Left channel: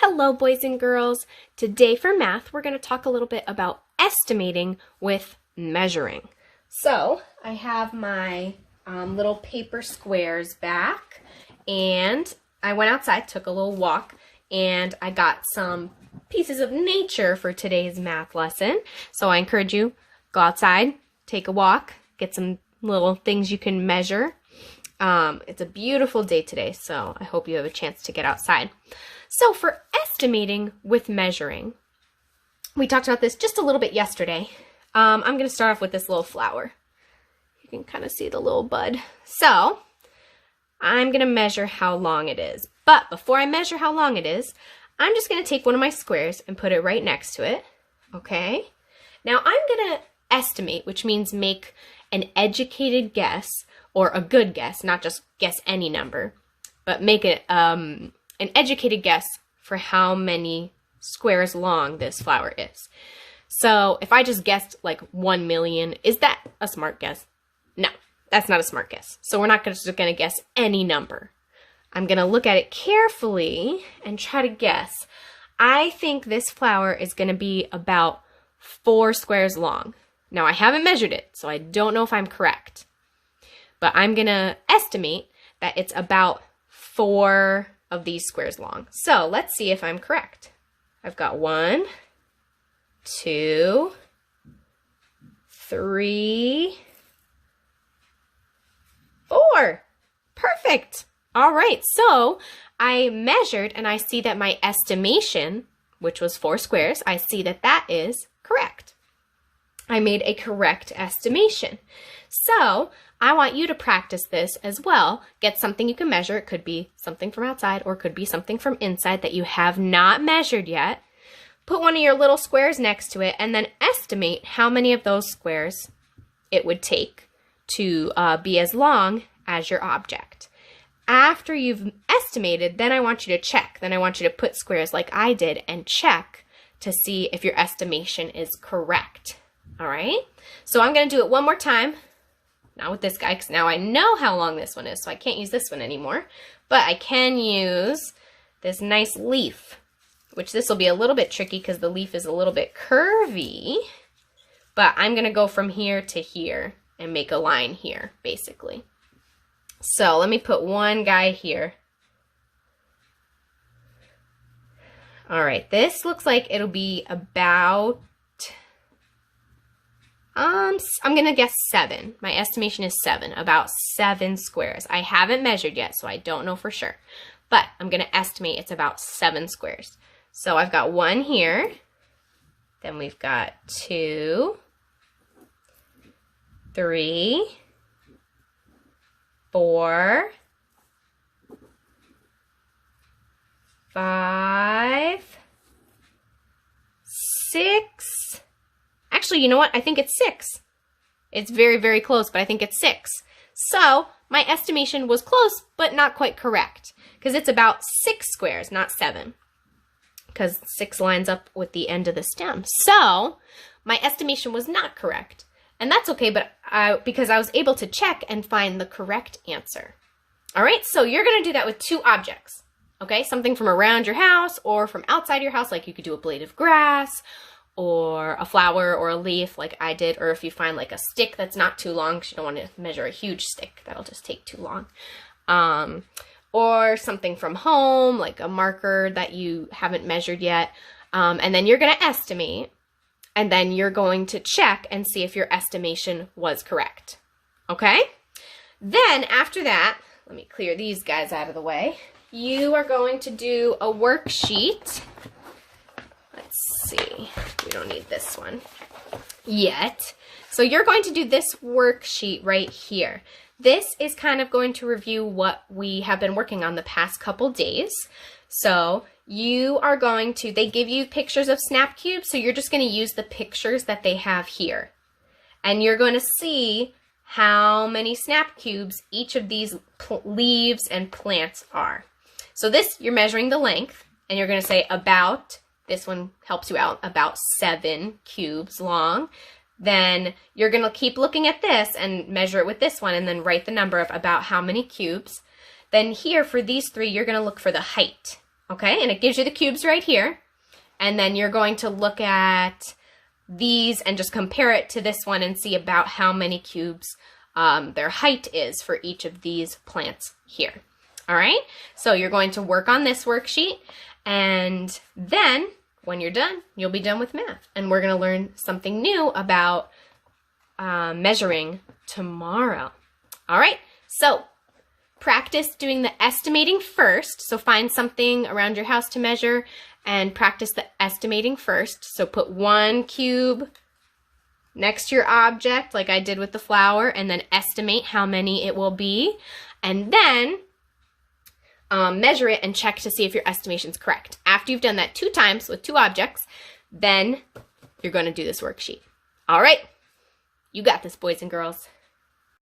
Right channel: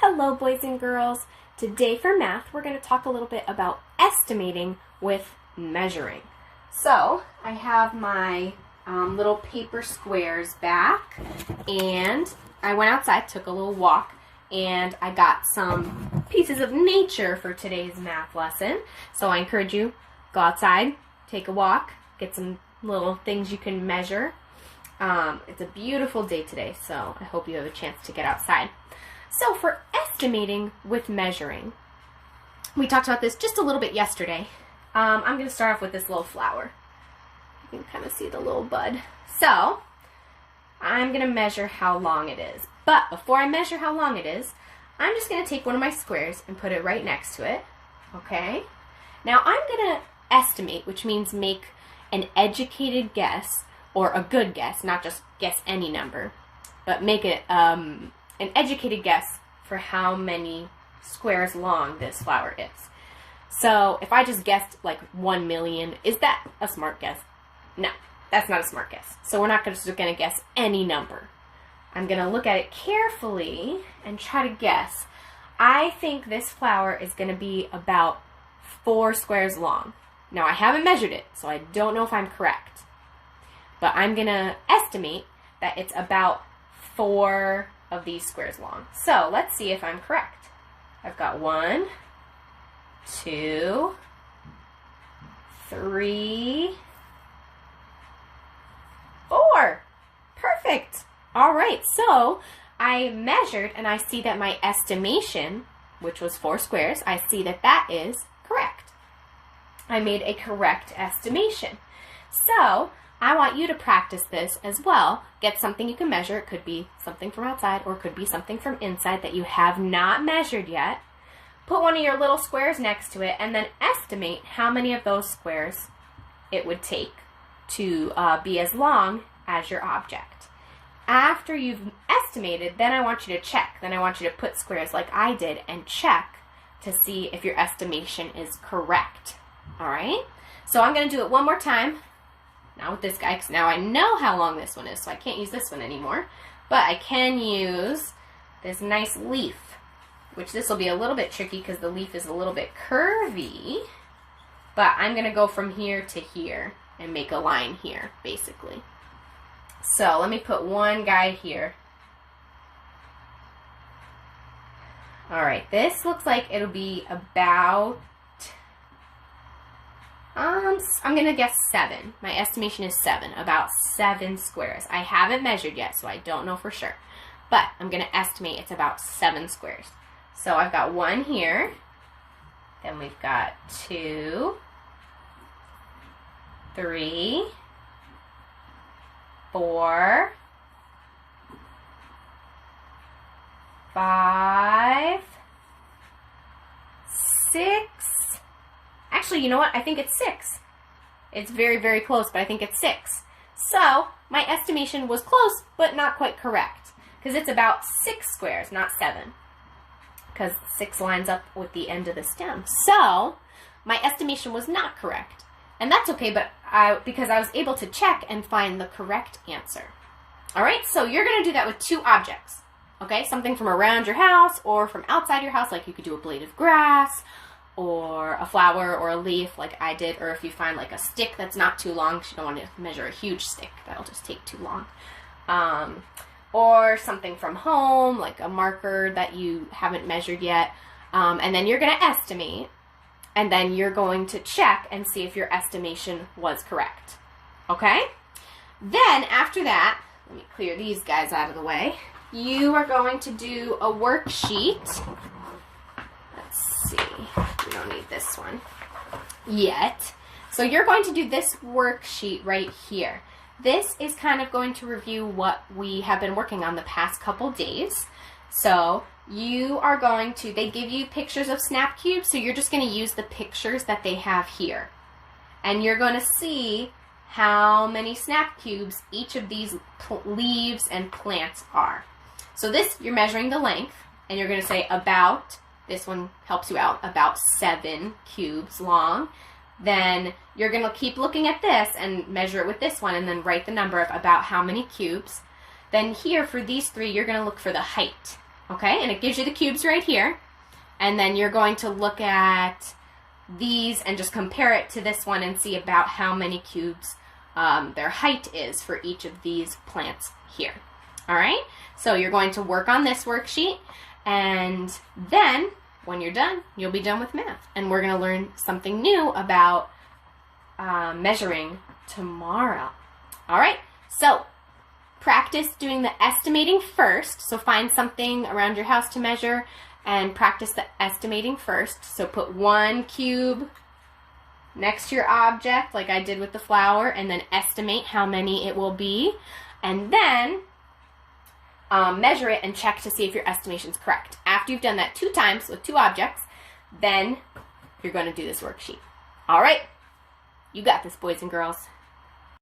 Hello, boys and girls. Today for math, we're going to talk a little bit about estimating with measuring. So I have my little paper squares back, and I went outside, took a little walk, and I got some pieces of nature for today's math lesson. So I encourage you, go outside, take a walk, get some little things you can measure. It's a beautiful day today, so I hope you have a chance to get outside. So for estimating with measuring, we talked about this just a little bit yesterday. I'm going to start off with this little flower. You can kind of see the little bud. So I'm going to measure how long it is. But before I measure how long it is, I'm just going to take one of my squares and put it right next to it. Okay? Now I'm going to estimate, which means make an educated guess, or a good guess, not just guess any number, but make it an educated guess for how many squares long this flower is. So if I just guessed like 1 million, is that a smart guess? No, that's not a smart guess. So we're not just going to guess any number. I'm going to look at it carefully and try to guess. I think this flower is going to be about 4 squares long. Now I haven't measured it, so I don't know if I'm correct. But I'm going to estimate that it's about 4 of these squares long. So let's see if I'm correct. I've got 1, 2, 3, 4. Perfect. All right, so I measured and I see that my estimation, which was 4 squares, I see that that is correct. I made a correct estimation. So I want you to practice this as well. Get something you can measure. It could be something from outside or it could be something from inside that you have not measured yet. Put one of your little squares next to it and then estimate how many of those squares it would take to be as long as your object. After you've estimated, then I want you to check. Then I want you to put squares like I did and check to see if your estimation is correct. All right? So I'm going to do it one more time. Not with this guy, because now I know how long this one is, so I can't use this one anymore. But I can use this nice leaf, which this will be a little bit tricky because the leaf is a little bit curvy. But I'm going to go from here to here and make a line here, basically. So let me put one guy here. All right, this looks like it'll be about... I'm going to guess 7. My estimation is 7, about 7 squares. I haven't measured yet, so I don't know for sure. But I'm going to estimate it's about 7 squares. So I've got 1 here. Then we've got 2, 3, 4, 5, 6. Actually, you know what? I think it's 6. It's very, very close, but I think it's 6. So my estimation was close, but not quite correct, because it's about 6 squares, not 7, because 6 lines up with the end of the stem. So my estimation was not correct, and that's okay, but because I was able to check and find the correct answer. All right, so you're going to do that with 2 objects, okay? Something from around your house or from outside your house, like you could do a blade of grass, or a flower or a leaf like I did, or if you find like a stick that's not too long, because you don't want to measure a huge stick, that'll just take too long. Or something from home, like a marker that you haven't measured yet. And then you're going to estimate, and then you're going to check and see if your estimation was correct. Okay? Then after that, let me clear these guys out of the way. You are going to do a worksheet. Let's see. We don't need this one yet. So you're going to do this worksheet right here. This is kind of going to review what we have been working on the past couple days. So you are going to, they give you pictures of snap cubes, so you're just going to use the pictures that they have here. And you're going to see how many snap cubes each of these leaves and plants are. So this, you're measuring the length, and you're going to say about, this one helps you out, about 7 cubes long. Then you're going to keep looking at this and measure it with this one and then write the number of about how many cubes. Then here for these 3, you're going to look for the height. Okay, and it gives you the cubes right here. And then you're going to look at these and just compare it to this one and see about how many cubes their height is for each of these plants here. All right, so you're going to work on this worksheet, and then when you're done, you'll be done with math. And we're going to learn something new about measuring tomorrow. All right, so practice doing the estimating first. So find something around your house to measure and practice the estimating first. So put 1 cube next to your object like I did with the flower, and then estimate how many it will be. And then measure it and check to see if your estimation's correct. After you've done that 2 times with 2 objects, then you're going to do this worksheet. All right, you got this, boys and girls.